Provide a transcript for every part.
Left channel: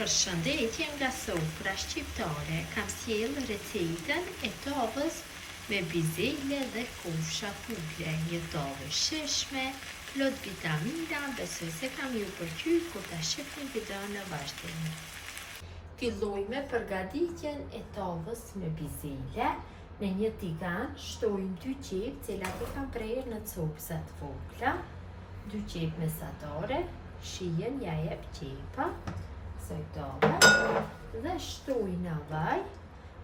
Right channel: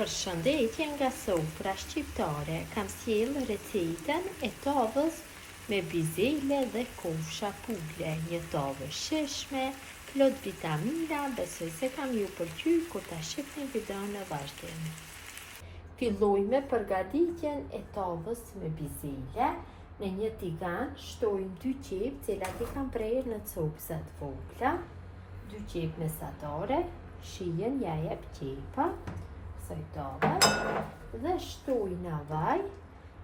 Përshëndetje nga Sofra Shqiptare, kam sjellë recetën e tavës me bizele dhe kofsha pule. Një tavë shishme, plot vitamina, besoj se kam ju pëlqyer kur ta shihni videon në vazhdim. Filloj me përgatitjen e tavës me bizele. Në një tigan shtojmë 2 qep, cilat I kam prerë në copsa të vogla, 2 qep mesatare, shijen ja jep qepa, tave dhe shtoj në vaj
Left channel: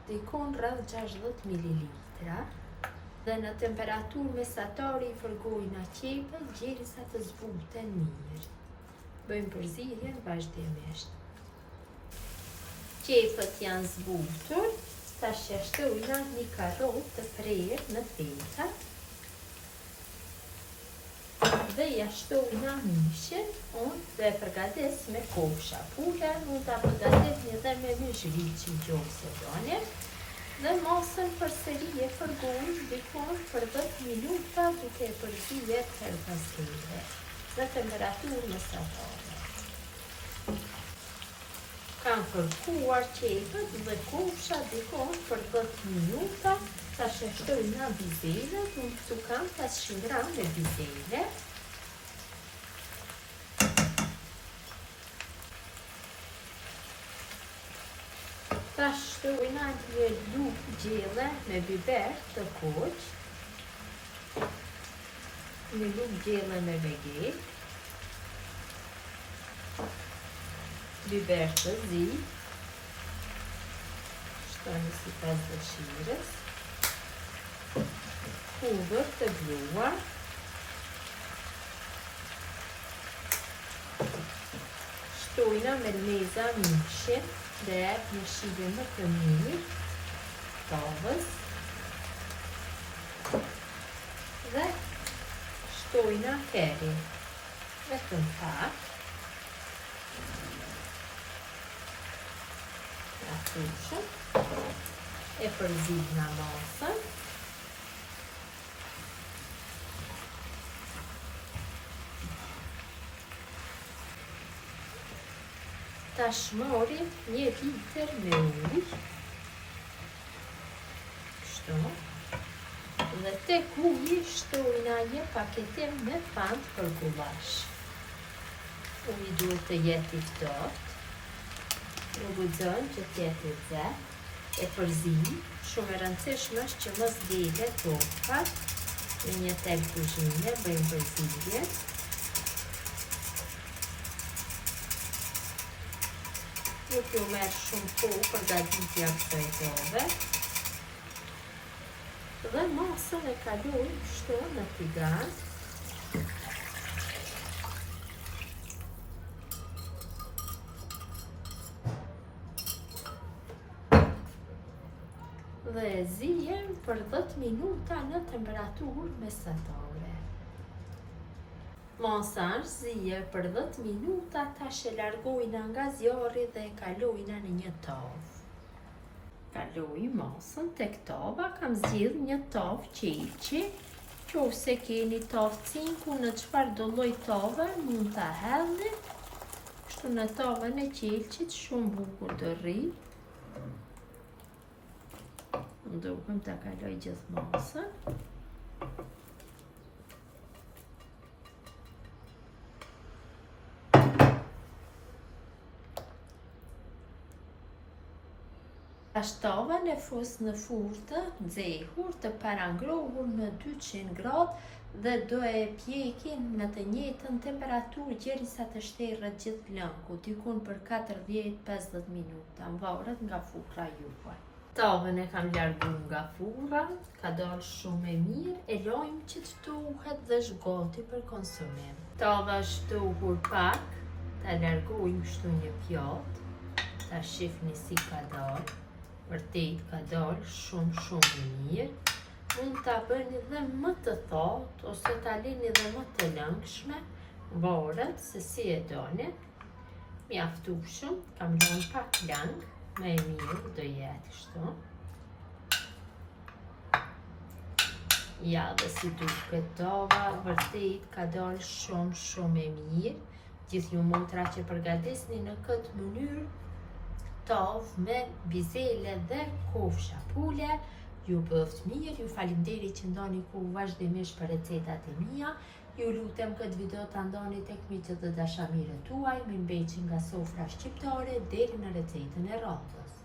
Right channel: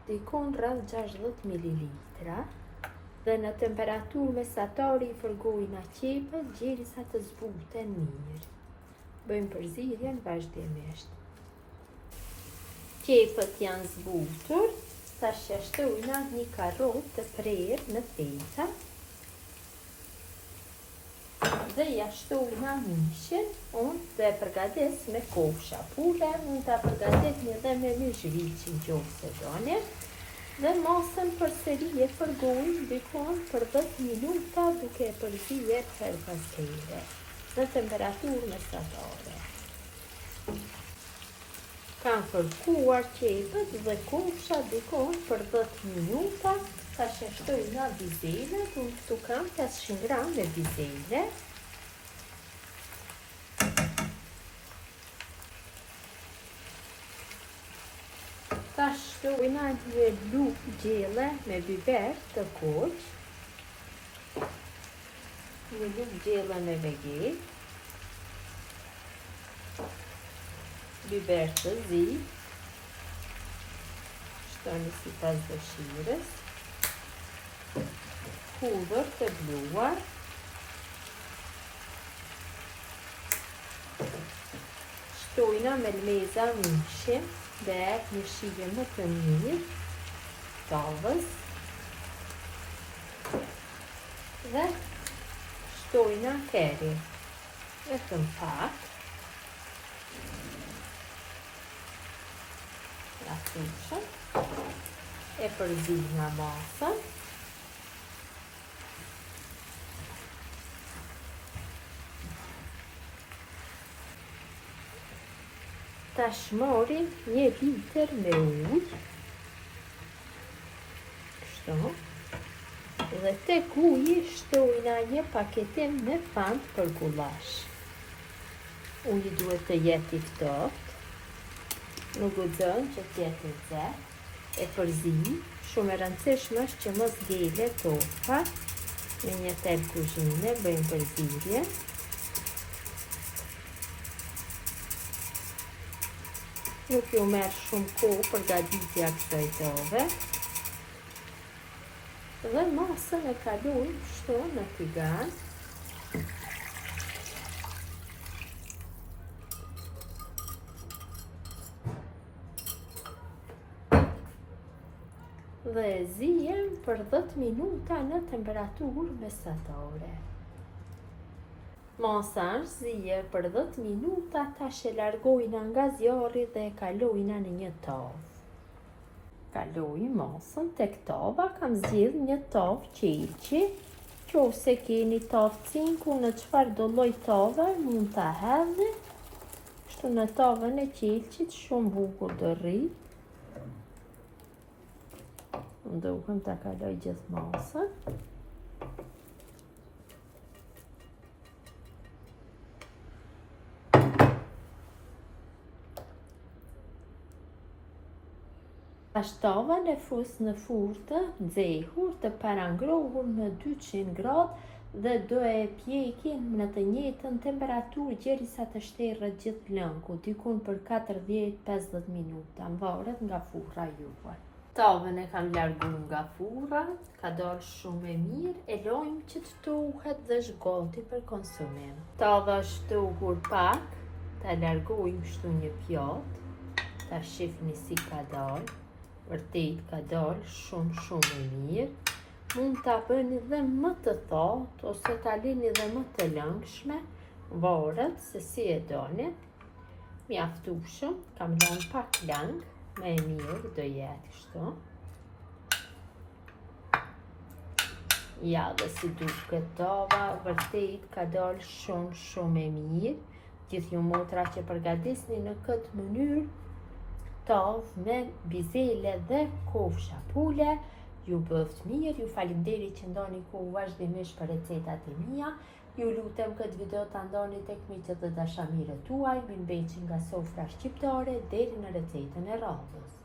dikon rreth 60 ml dhe në temperaturë mesatare I fërgoj në qepën derisa të zbuten mirë. Bëjmë përzierjen vazhdimisht. Qepët janë zbutur, tash shtojna një karrotë të prerë në theka dhe ja shtojna mishin, unë dhe përgatis me kofsha pule, mund ta përgatisni edhe me myshri që nëse doni, dhe masën përsëri e fërgoj dikon për 10 minuta duke përzierë her pas here në temperaturë mesatare. Kam fërkuar qepët dhe kofsha dikon për 10 minuta, tash shtojna bizelet, unë këtu kam 500 gram me bizele. Ta shtojna një lugë gjelle me biber të kuq, një lugë gjelle me vegej, biber të zi, shtojnë sipas dëshirës, hudhër të bluar, shtojna me leza mishin dhe një shije më të mirë tavës dhe shtojna heri e të pak ratushën e përzidhna masën tash morim 1 litër me ujë, kështu, dhe tek uji shtojna një paketim me pant për gullash. Uji duhet të jetë I ftohtë, nuk guxon që të jetë I nxehtë, e përzim, shumë e rëndësishme është që mos dele toka, në një tel kuzhine, bëjmë përzierje. Nuk ju merë shumë kohë përgatitja kësaj tave. Dhe masën e kaloj kështu në tigan. Dhe e zijem për 10 minuta në temperaturë mesatare. Masa është zije për 10 minuta, tash e largojna nga zjarri dhe e kalojna në një tavë. Kaloj masën tek tava, kam zgjedh një tavë qelçi, nëse keni tavë cinku në çfarëdo lloj tave mund ta hedhni, kështu në tavën e qelçit shumë bukur do rri. Duhem ta kaloj gjithë masën. Tash tavën e fus në furrë të nxehur, të parangrohur në 200 gradë dhe do e pjekin në të njëjtën temperaturë derisa të shterë gjithë lëngu, dikun për 40-50 minuta, varet nga furra juaj. Tavën e kam larguar nga furra, ka dalë shumë e mirë, e lojmë që të ftohet dhe është gati për konsumim. Tava është ftohur pak, ta largojmë kështu një pjatë, ta shihni si ka dalë. Vërtet ka dalë shumë e mirë. Mund ta bëni dhe më të thatë ose ta lini dhe më të lëngshme, varet se si e doni. Mjaftueshëm, kam lënë pak lang, më e mirë do jetë kështu. Ja dhe si duket tava, vërtet ka dalë shumë e mirë. Gjithë ju motra që përgatisni në këtë mënyrë, tavë me bizele dhe kofsha pule. Ju bëft mirë, ju falinderit që ndoni kohë vazhdimisht për recetat e mia. Ju lutem këtë video të ndoni tek miqët dhe dashamirët tuaj, me mbeqi nga sofra shqiptare deri në recetën e radhës.